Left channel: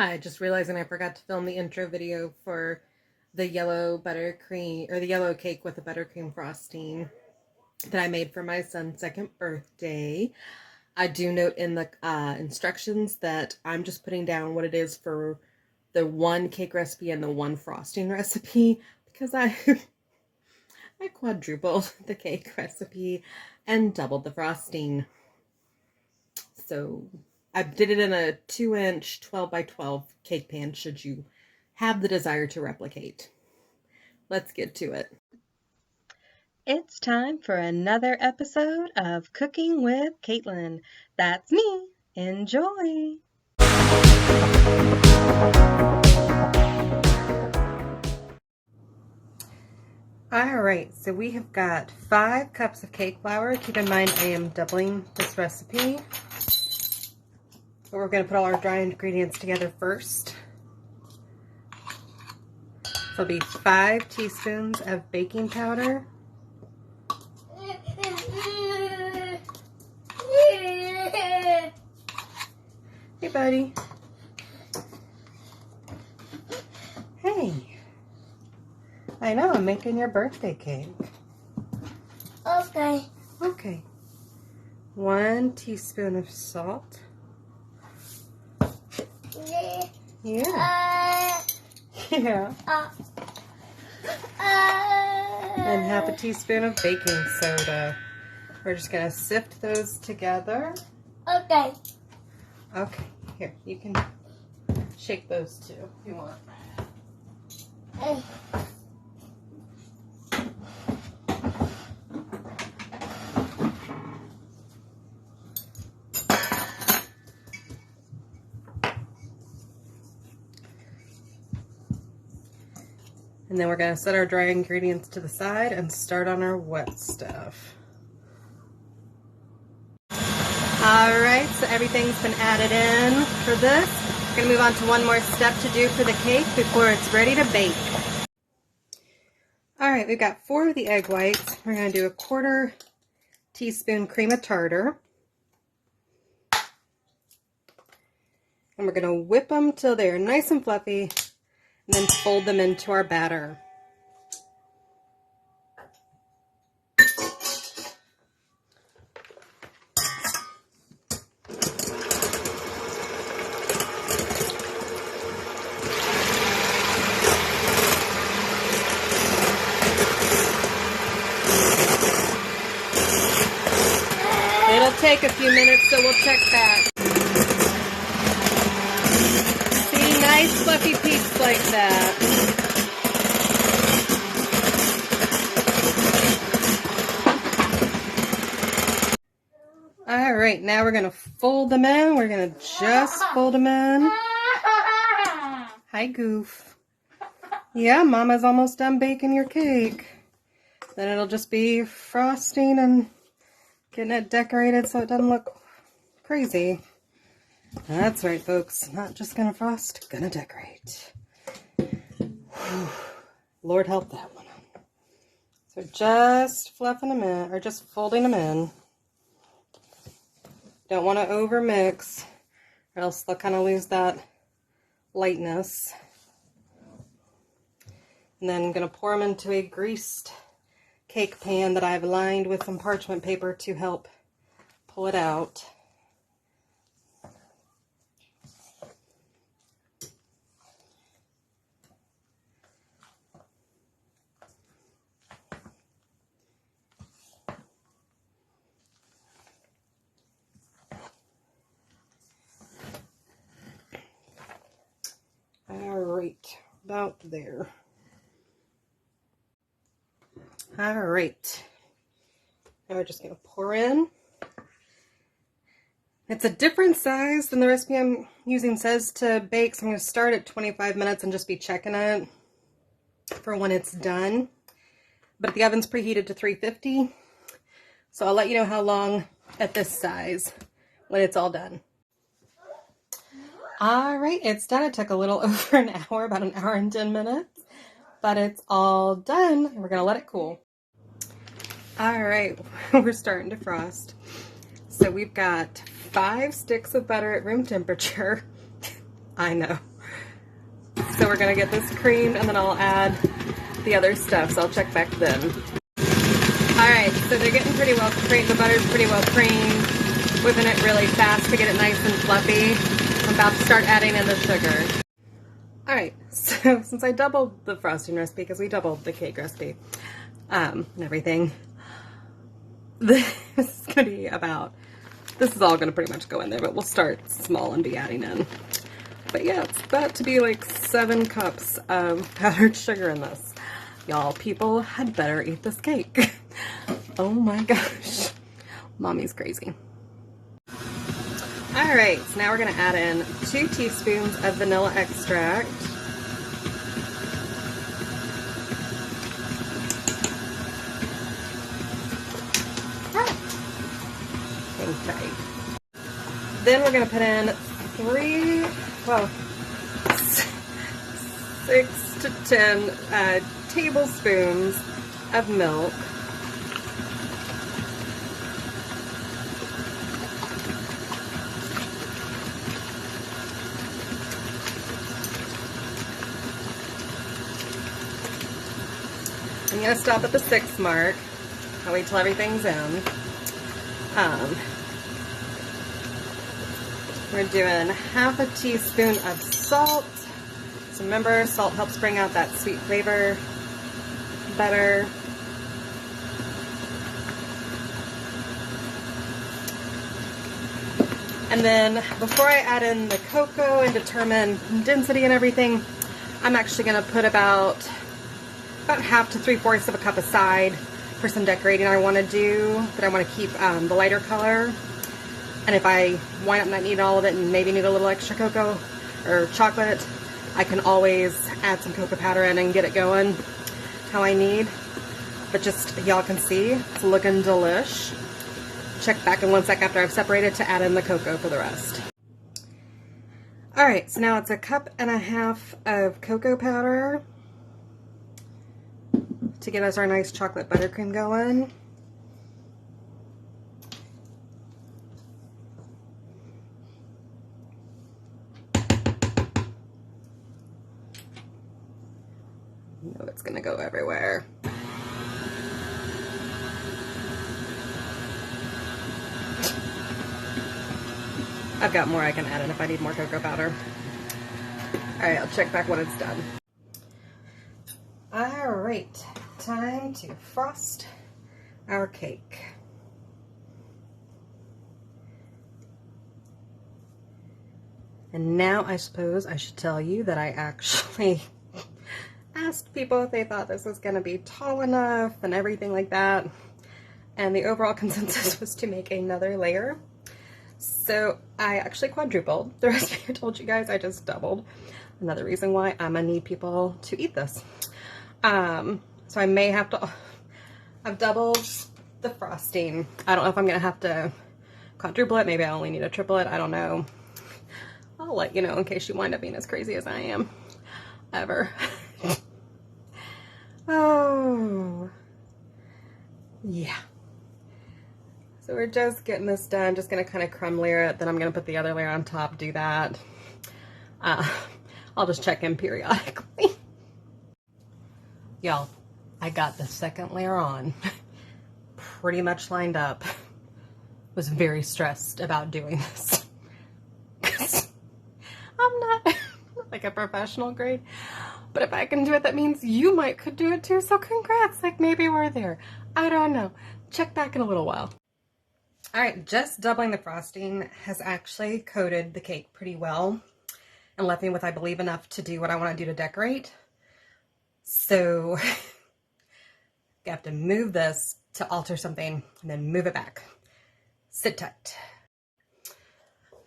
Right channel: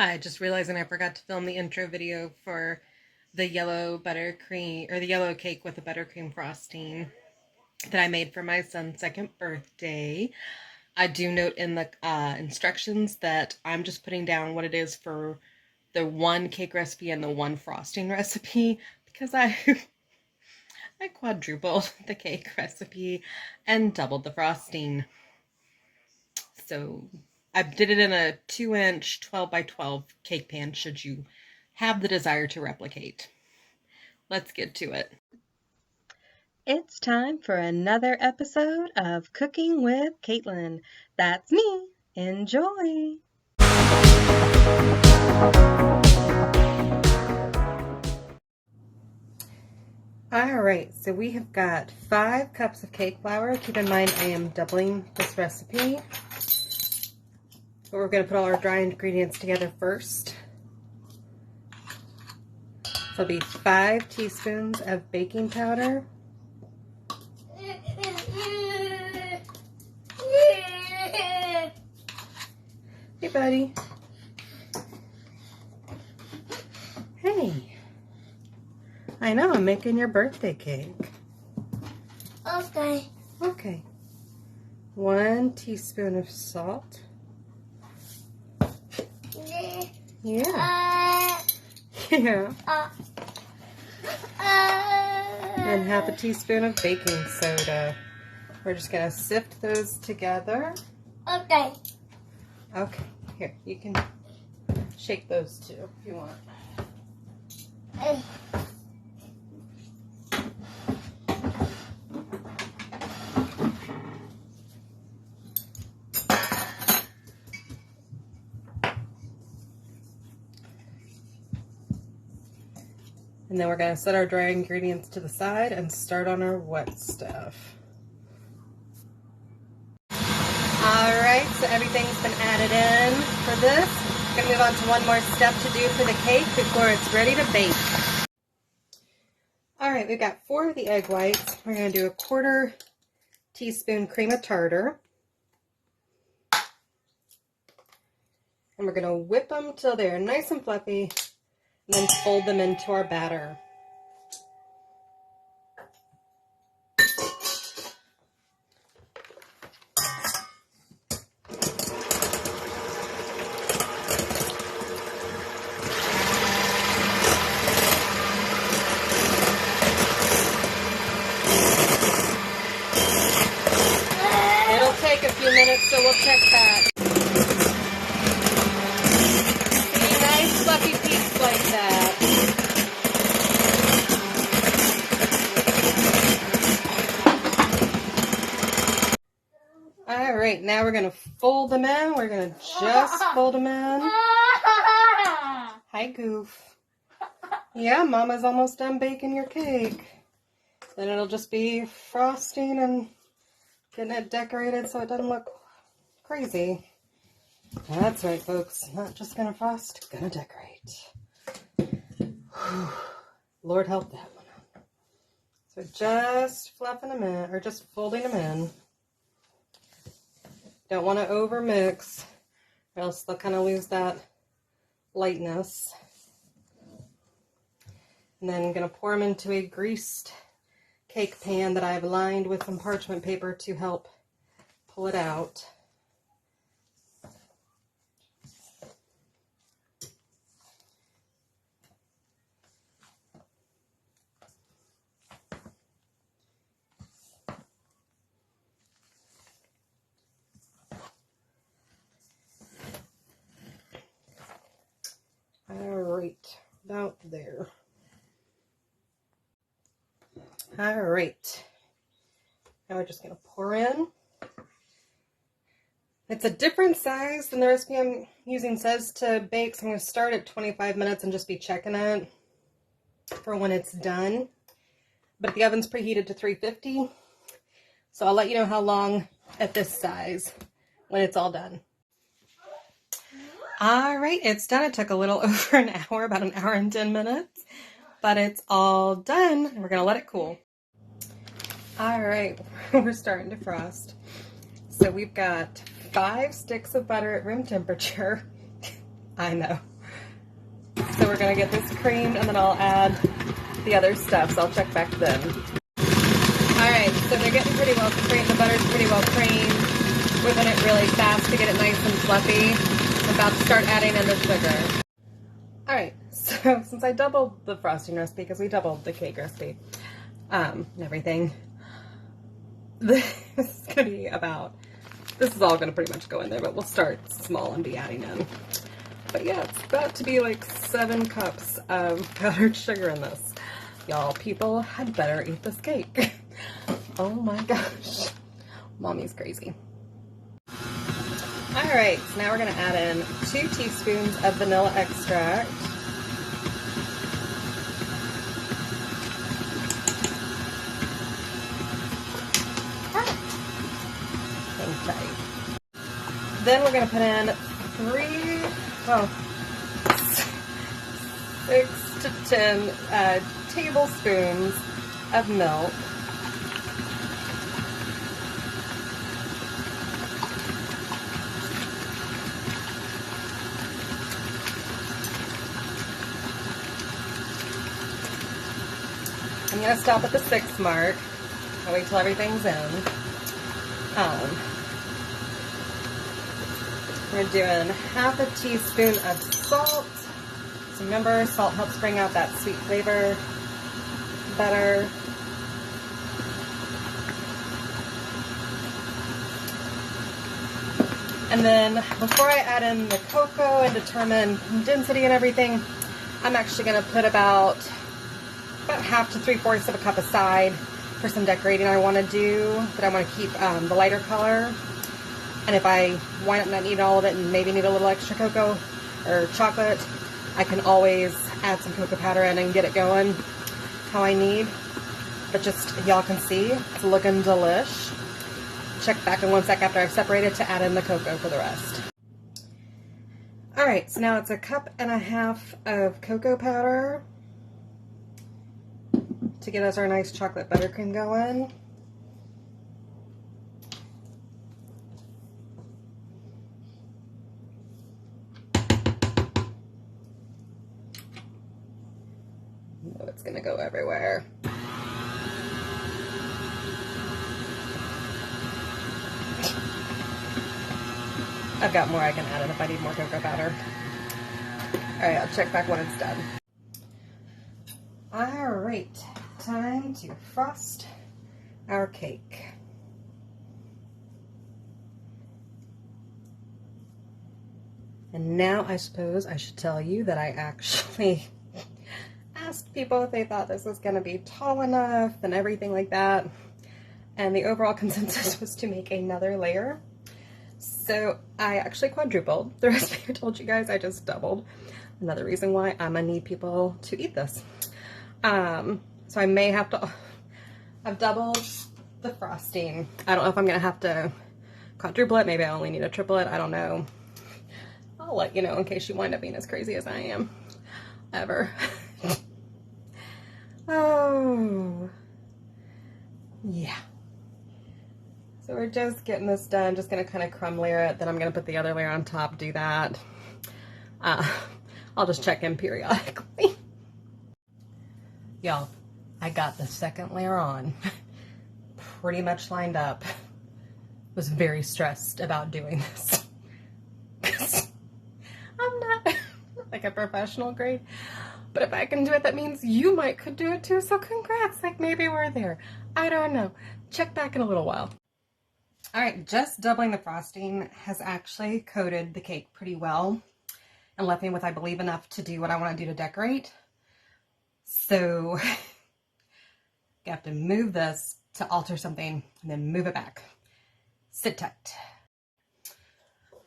Hi, just realizing I forgot to film the intro video for the yellow buttercream, or the yellow cake with the buttercream frosting that I made for my son's second birthday. I do note in the instructions that I'm just putting down what it is for the one cake recipe and the one frosting recipe because I I quadrupled the cake recipe and doubled the frosting. So I did it in a 2-inch 12 by 12 cake pan should you have the desire to replicate. Let's get to it. It's time for another episode of Cooking with Kaitlin. That's me. Enjoy. Alright, so we have got 5 cups of cake flour. Keep in mind I am doubling this recipe. But we're going to put all our dry ingredients together first. So it'll be 5 teaspoons of baking powder. Hey, buddy. Hey. I know, I'm making your birthday cake. Okay. Okay. 1 teaspoon of salt. Yeah. Yeah. And half a teaspoon of baking soda. We're just going to sift those together. Okay. Okay. Here, you can shake those too if you want. And then we're going to set our dry ingredients to the side and start on our wet stuff. Alright, so everything's been added in for this. I'm going to move on to one more step to do for the cake before it's ready to bake. Alright, we've got 4 of the egg whites. We're going to do a 1/4 teaspoon cream of tartar. And we're going to whip them till they're nice and fluffy. And then fold them into our batter. It'll take a few minutes, so we'll check that. See, nice fluffy peaks like that. Alright, now we're going to fold them in. We're going to just fold them in. Hi, Goof. Yeah, Mama's almost done baking your cake. Then it'll just be frosting and getting it decorated so it doesn't look crazy. That's right, folks. Not just going to frost, going to decorate. Lord help that one. So just fluffing them in, or just folding them in. Don't want to over mix, or else they'll kind of lose that lightness. And then I'm going to pour them into a greased cake pan that I've lined with some parchment paper to help pull it out. Alright, about there. Alright, now we're just going to pour in. It's a different size than the recipe I'm using says to bake, so I'm going to start at 25 minutes and just be checking it for when it's done. But the oven's preheated to 350, so I'll let you know how long at this size when it's all done. Alright, it's done. It took a little over an hour, about an hour and 10 minutes, but it's all done, and we're going to let it cool. Alright, we're starting to frost. So we've got 5 sticks of butter at room temperature. I know. So we're gonna get this creamed and then I'll add the other stuff, so I'll check back then. Alright, so they're getting pretty well creamed. The butter's pretty well creamed. Whipping it really fast to get it nice and fluffy. I'm about to start adding in the sugar. Alright, so since I doubled the frosting recipe, because we doubled the cake recipe, and everything, this is gonna be about, this is all gonna pretty much go in there, but we'll start small and be adding in. But yeah, it's about to be like 7 cups of powdered sugar in this. Y'all, people had better eat this cake. Oh my gosh. Mommy's crazy. Alright, so now we're going to add in 2 teaspoons of vanilla extract. Okay. Then we're going to put in 6 to 10 tablespoons of milk. I'm going to stop at the 6 mark. I'll wait till everything's in. We're doing half a teaspoon of salt. So remember, salt helps bring out that sweet flavor better. And then before I add in the cocoa and determine density and everything, I'm actually going to put about half to 3/4 of a cup aside for some decorating I want to do, but I want to keep the lighter color. And if I wind up not needing all of it and maybe need a little extra cocoa or chocolate, I can always add some cocoa powder in and get it going how I need. But just, y'all can see, it's looking delish. Check back in 1 sec after I've separated to add in the cocoa for the rest. Alright, so now it's 1.5 cups of cocoa powder to get us our nice chocolate buttercream going. You know it's gonna go everywhere. I've got more I can add in if I need more cocoa powder. Alright, I'll check back when it's done. Alright, time to frost our cake. And now I suppose I should tell you that I actually asked people if they thought this was going to be tall enough and everything like that. And the overall consensus was to make another layer. So I actually quadrupled. The recipe I told you guys I just doubled. Another reason why I'm going to need people to eat this. So I may have to, I've doubled the frosting. I don't know if I'm going to have to quadruple it. Maybe I only need a triplet. I don't know. I'll let you know in case you wind up being as crazy as I am. Ever. Oh. Yeah. So we're just getting this done. Just going to kind of crumb layer it. Then I'm going to put the other layer on top, do that. I'll just check in periodically. Y'all, I got the second layer on. Pretty much lined up. Was very stressed about doing this. I'm not like a professional grade, but if I can do it, that means you could do it too. So congrats, like maybe we're there. I don't know. Check back in a little while. All right, just doubling the frosting has actually coated the cake pretty well and left me with, I believe, enough to do what I want to do to decorate. So I have to move this to alter something and then move it back. Sit tight.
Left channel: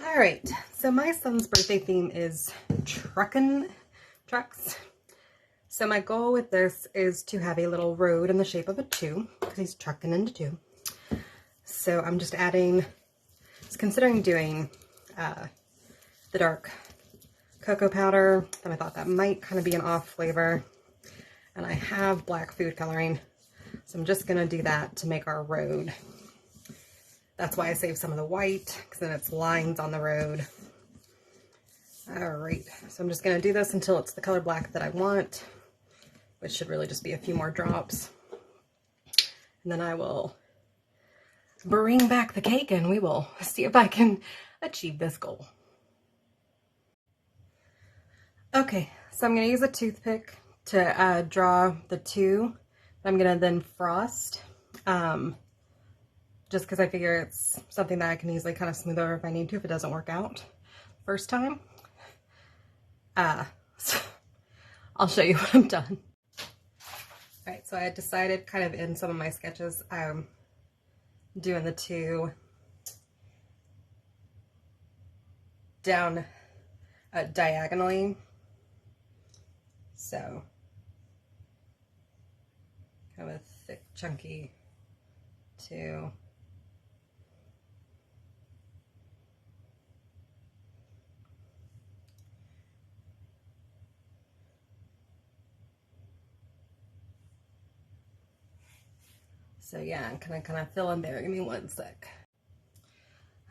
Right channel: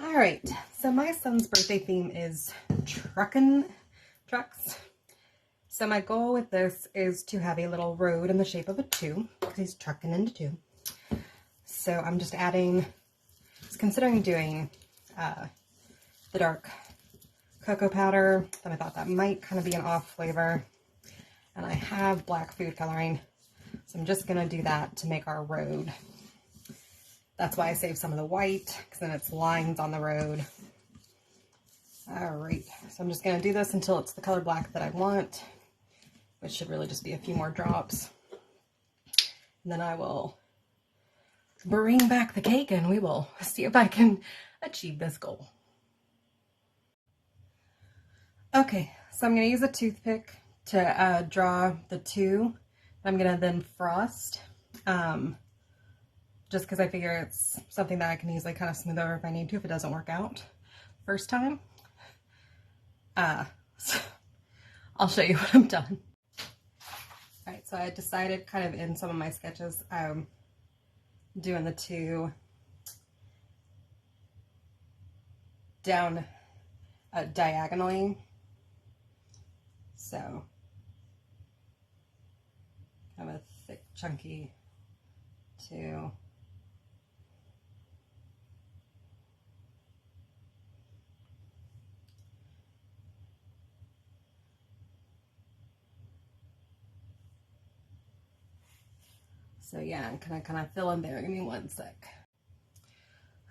All right, so my son's birthday theme is trucks. So my goal with this is to have a little road in the shape of a 2. He's trucking into 2. So I'm just adding, I was considering doing the dark cocoa powder, then I thought that might kind of be an off flavor. And I have black food coloring, so I'm just gonna do that to make our road. That's why I saved some of the white, because then it's lines on the road. All right, so I'm just gonna do this until it's the color black that I want, which should really just be a few more drops. And then I will bring back the cake and we will see if I can achieve this goal. Okay, so I'm gonna use a toothpick to draw the two. I'm gonna then frost, just because I figure it's something that I can easily kind of smooth over if I need to, if it doesn't work out first time. So I'll show you what I've done. All right, so I had decided kind of in some of my sketches, I'm doing the two down diagonally. So kind of a thick, chunky two. So yeah, I'm kind of filling there. Give me one sec.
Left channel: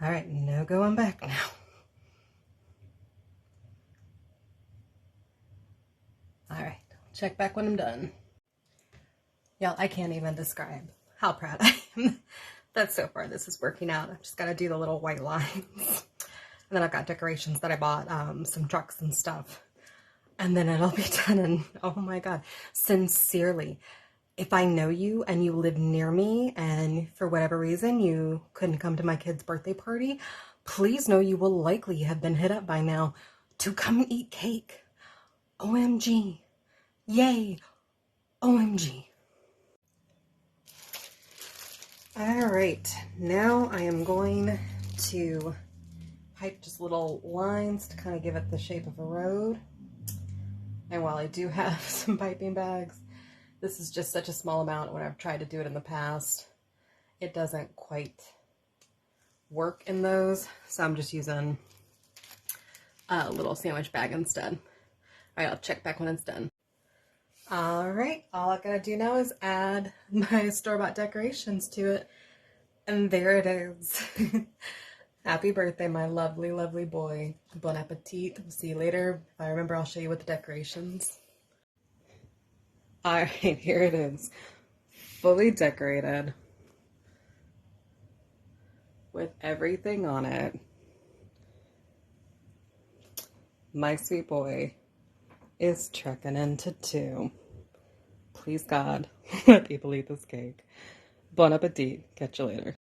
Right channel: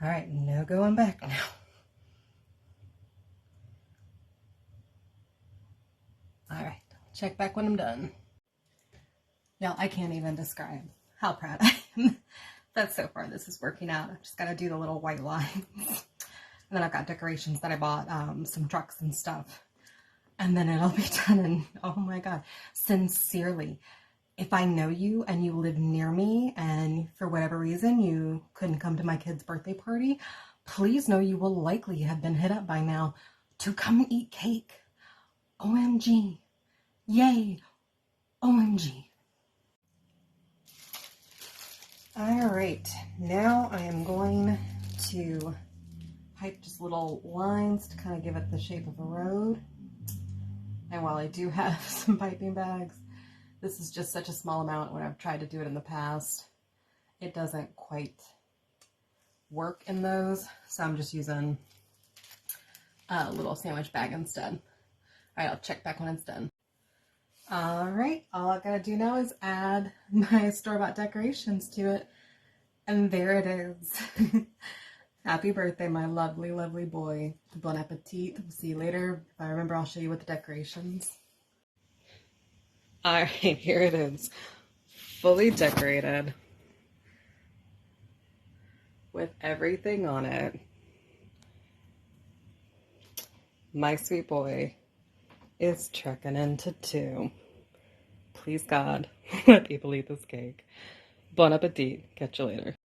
All right, no going back now. All right, check back when I'm done. Y'all, I can't even describe how proud I am that so far this is working out. I've just got to do the little white lines. And then I've got decorations that I bought, some trucks and stuff. And then it'll be done. And oh my God, sincerely, if I know you and you live near me and for whatever reason you couldn't come to my kid's birthday party, please know you will likely have been hit up by now to come eat cake. OMG. Yay. OMG. All right, now I am going to pipe just little lines to kind of give it the shape of a road. And while I do have some piping bags, this is just such a small amount. When I've tried to do it in the past, it doesn't quite work in those. So I'm just using a little sandwich bag instead. All right, I'll check back when it's done. All right, all I gotta do now is add my store-bought decorations to it. And there it is. Happy birthday, my lovely, lovely boy. Bon appetit. We'll see you later. If I remember, I'll show you with the decorations. All right, here it is. Fully decorated with everything on it. My sweet boy is trekking into 2. Please God, let people eat this cake. Bon appetit. Catch you later.